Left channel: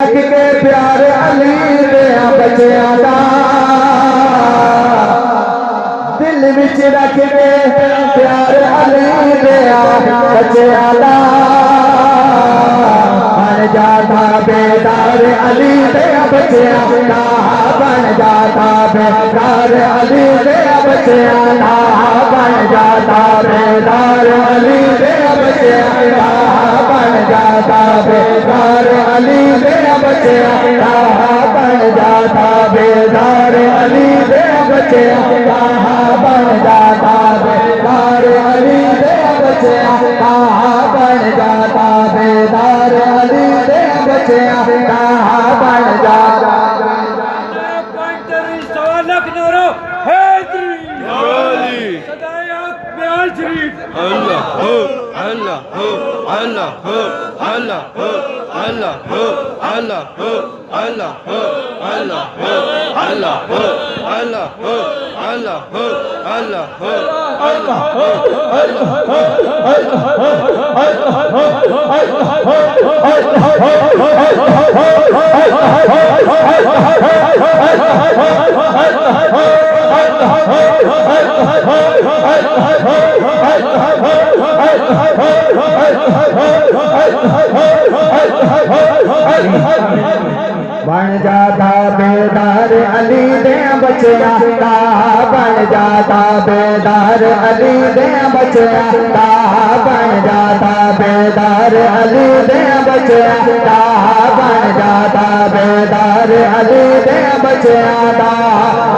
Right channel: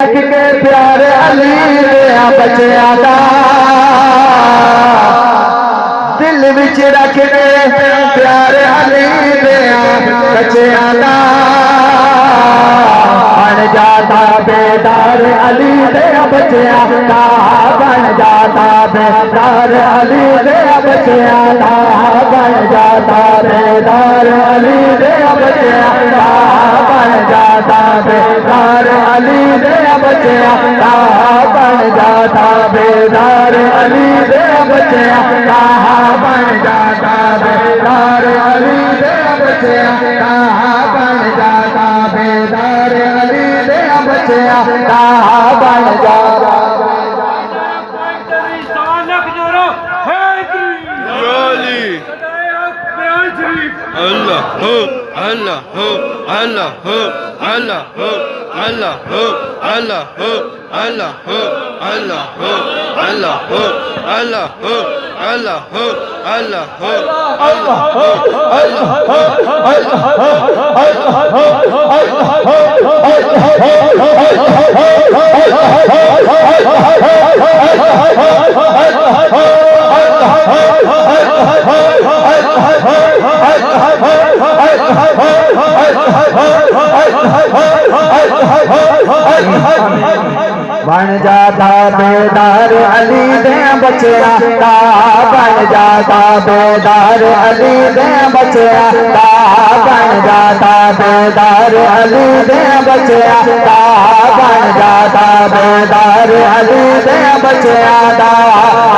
کے پیارے علی دیا بچیاں دا دل وچ رکھ کے پیارے علی دیا بچیاں دا بن جاتا بیدار علی دیا بچیاں دا بن جاتا بیدار علی دیا بچیاں دا بن جاتا بیدار علی دیا بچیاں دا بن جاتا بیدار علی دیا بچیاں دا بن جاتا بیدار علی دیا بچیاں دا بن جاتا بیدار علی دیا بچیاں دا بن جاتا بیدار علی دیا بچیاں دا بن جاتا اللہ ہو اللہ ہو اللہ ہو اللہ ہو اللہ ہو اللہ ہو اللہ ہو اللہ ہو اللہ ہو اللہ ہو اللہ ہو اللہ ہو اللہ ہو اللہ ہو اللہ ہو بن جاتا بیدار علی دیا بچیاں دا بن جاتا بیدار علی دیا بچیاں دا بن جاتا بیدار علی دیا بچیاں دا بن جاتا بیدار علی دیا بچیاں دا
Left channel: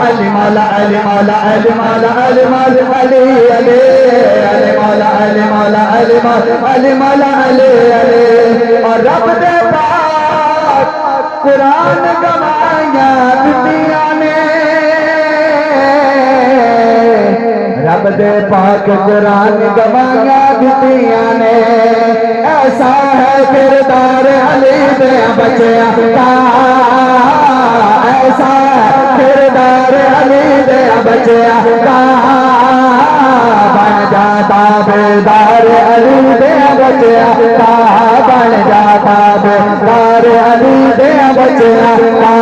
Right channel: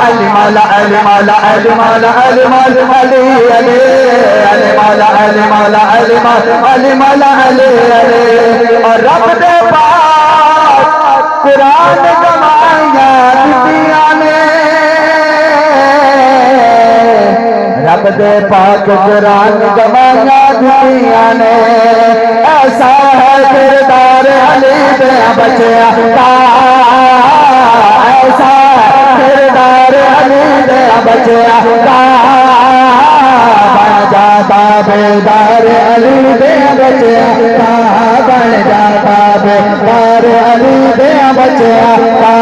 علی مولا علی مولا علی مولا علی مولا علی علی علی مولا علی مولا علی مولا علی مولا علی علی اور رب دے پاک قرآن گواہیاں دتیاں نے رب دے پاک قرآن گواہیاں دتیاں نے ایسا ہے کردار علی دیا بچیاں دا ایسا کردار علی دیا بچیاں دا بن جاتا بیدار علی دیا بچیاں دا بن جاتا بیدار علی دیا بچیاں دا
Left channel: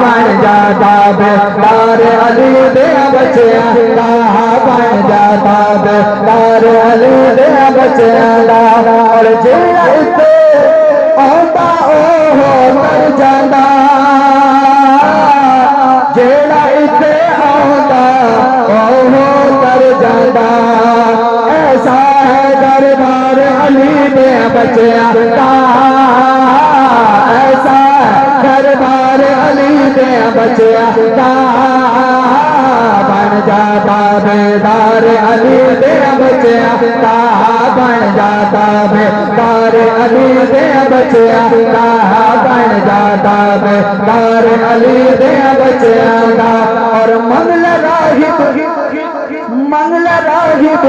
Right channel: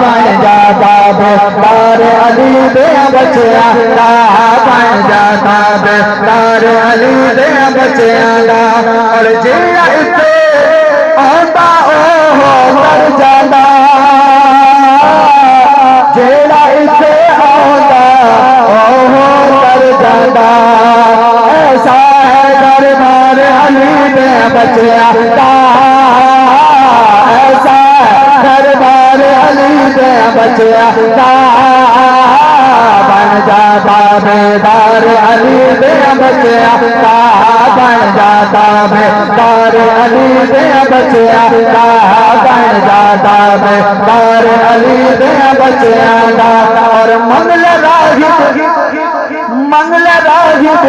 بن جاتا بیدار علی دیا بچیاں دا بن جاتا بیدار علی دیا بچیاں دا جیڑا اتنے آندا اوہ مر جاندا جیڑا اتنے آندا اوہ مر جاندا ایسا ہے دربار علی دیا بچیاں دا ایسا دربار علی دیا بچیاں دا بن جاتا بیدار علی دیا بچیاں دا بن جاتا بیدار علی دیا بچیاں دا بن جاتا بیدار علی دیا بچیاں دا اور منگل راہب منگل راہب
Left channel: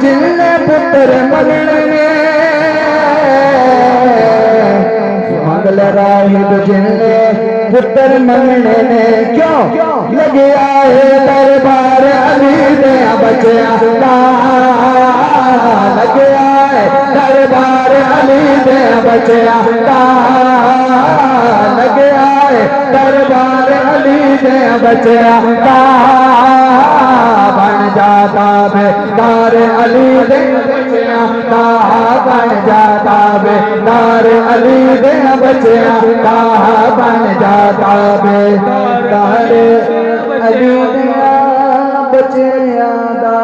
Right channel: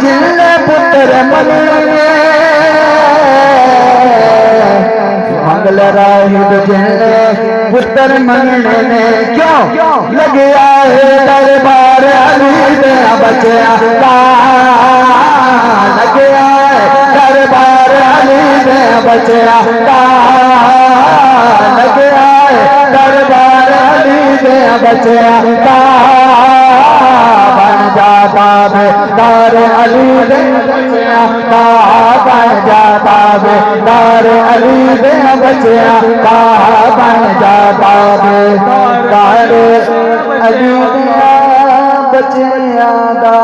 جن پتر منگلے منگل راہب جن پتر منگلے نے کیوں لگیا ہے دربار علی دیا بچیاں دا لگیا ہے دربار علی دیا بچیاں دا لگیا ہے دربار علی دیا بچیاں دا بن جاتا بیدار علی دیا بچیاں دا بن جاتا بیدار علی دیا بچیاں دا بن جاتا بیدار علی دیا بچیاں دا